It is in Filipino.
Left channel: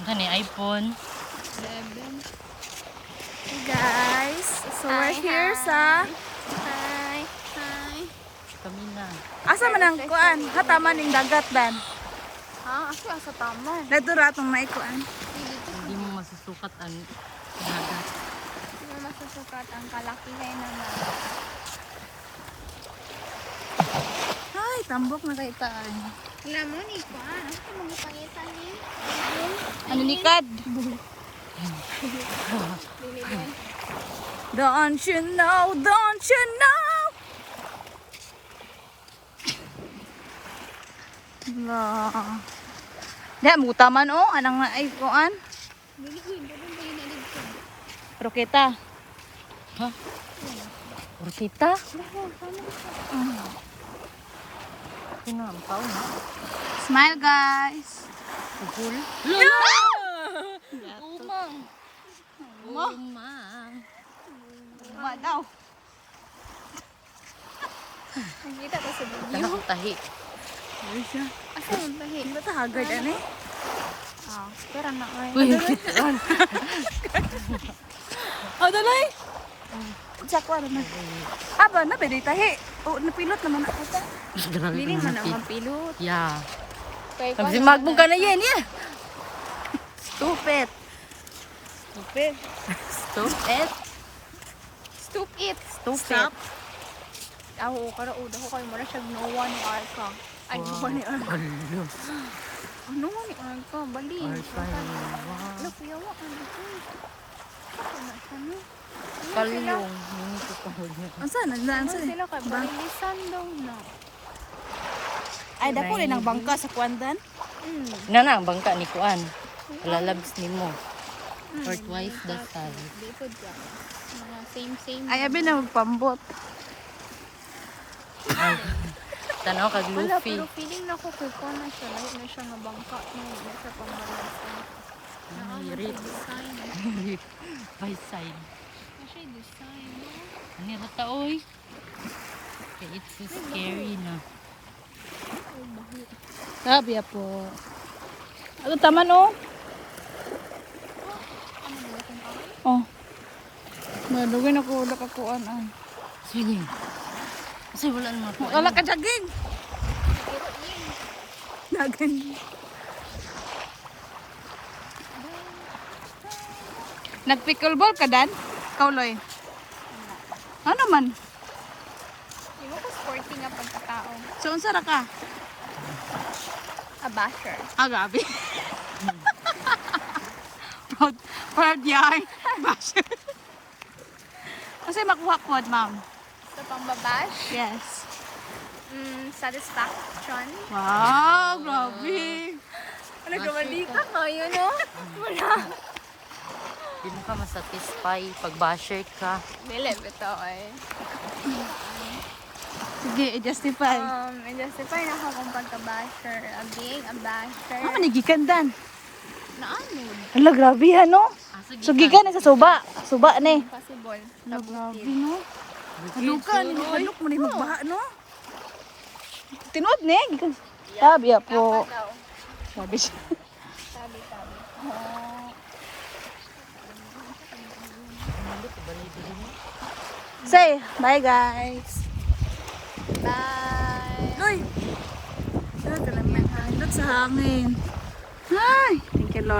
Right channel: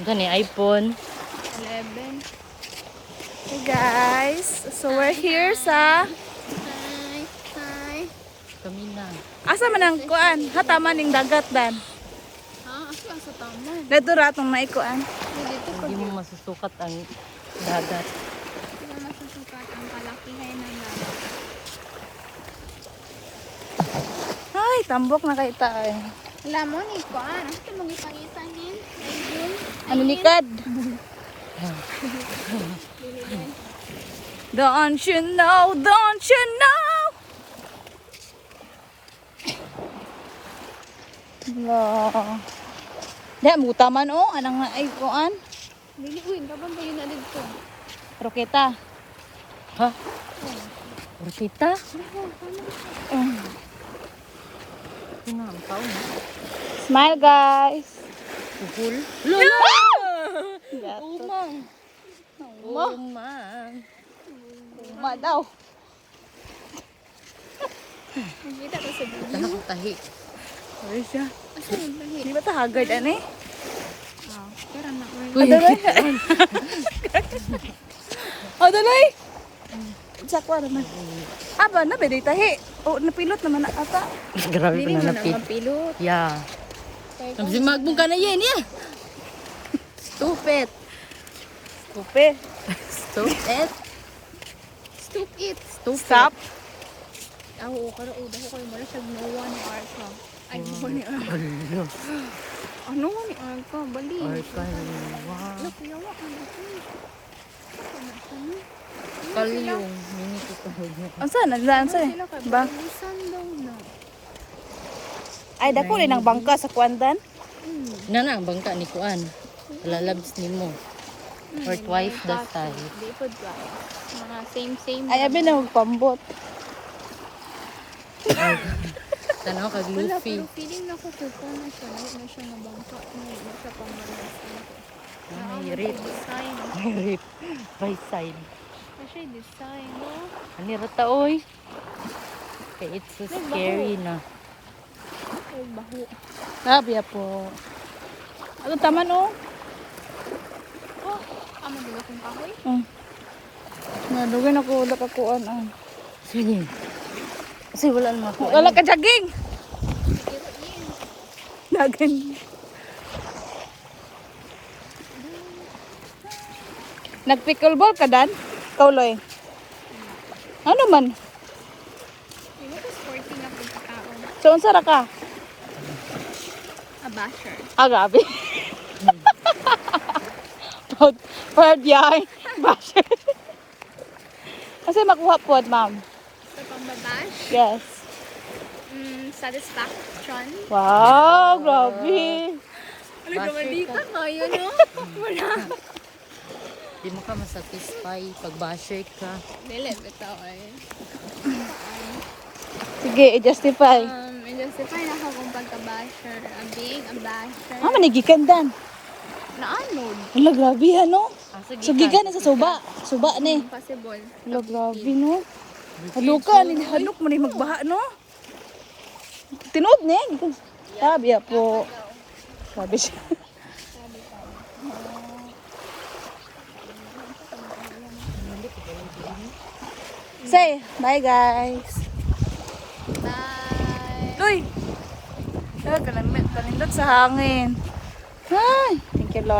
Gani iPhone. 11. Hey guys, so we're here sa Hi. Kami na. asa man ang kuan, hataman ning dagat dan. Ha? Asa sa taman? Dito ra tong naikuan. Hindi mo masusukat ang dagat. Hindi mo masusukat ang kalakihan ng dagat. Ay, tambok na kay tayo. Alam mo ni kuan, ano ka mangipangitan ni? Ayun. Ano nikad? Don't you know, don't you know? La. Di mo taman oh, anang ay kuan. Liliguin ka ba ba yun naligtod? Roketa. Ha? Orkita? Sino ang tao na? Smile guys. Pupul? Gato. Umang. Ma daw. Nakita ko sa video. Tanang tahi. Where siya? Asa yung bahi? Di ba ta haggard ani? Ah, parang na ay. Uy, Oh, daloy. Sakwa na. Aba na bedi tahi. Oh, napilot naman na ata. grabe Dili pa mo na na napit. mapilot. Yeah. Kay Sabi si Magbong ka na yan, yeah. Stupid. Stupid. Stupid. Stupid. Stop. Ako kara udah ko kay mo na siya no one ni Arka. Ay, no one ni Arka. Alo. Ano nga ni Arka? Bali. Arka. Wow. Ano piyawa ka dito? Ako na siya no. Kalyong. Mini ko kahod niya. Unsa na daan Ano sa? sila kay Ba? Bilisan daw na. Ay dako rin ang bangka sa kwandan. Na ang bangka ni Kuan. Lalabs ni mo. Or twice the size. Likod ka. Mga same. Ay abi na magpambot. Tanaw kag Wala, Luffy. pero feeling na ko kung na siya. Lahat na siya nga bangka. Na siya pambalansan. Ay, rip. Design. Rip. By side. Kasi design, no? Ano rata oy? Okay, it's so scary na. Ay, baho. Sabi po. Ano taman oh? Ano ba itong kahoy? Oh. Nadugin ako wala ka kuan ah. Sige. Kasi wala naman ako. Wala ka jogging. Dagan. Nag-pickleball ka dan? Kauloy. Ano man? Hindi mo ko sporty nga pagkatao. So unsa ra ka? A basher. Ah, gabi. Proud yay. Basher. Kasi makuha po, ma'am. Sa pambabash, Yes. satisfaction. Wow, grabe. Ano ka mali ka kayo, no? Wala. Di mo ka masatisfy pag basher ka. Dili, ito ay. Sige, i-justify. I-justify na ako kung pagka-basher. Being a basher. Ah, manigikan dan. Na-unload. Hala, grabe ha, no? Sige So, gigan na sa suba. Suba ni. Possible. Hala, grabe, no? Haluka, haluk mo na magbaha, no? Tinood ni. Sabi po. Sabi siya. Say, bye guys. Bye! Uy! Nagkalamit, panindot sa hangin. Ay!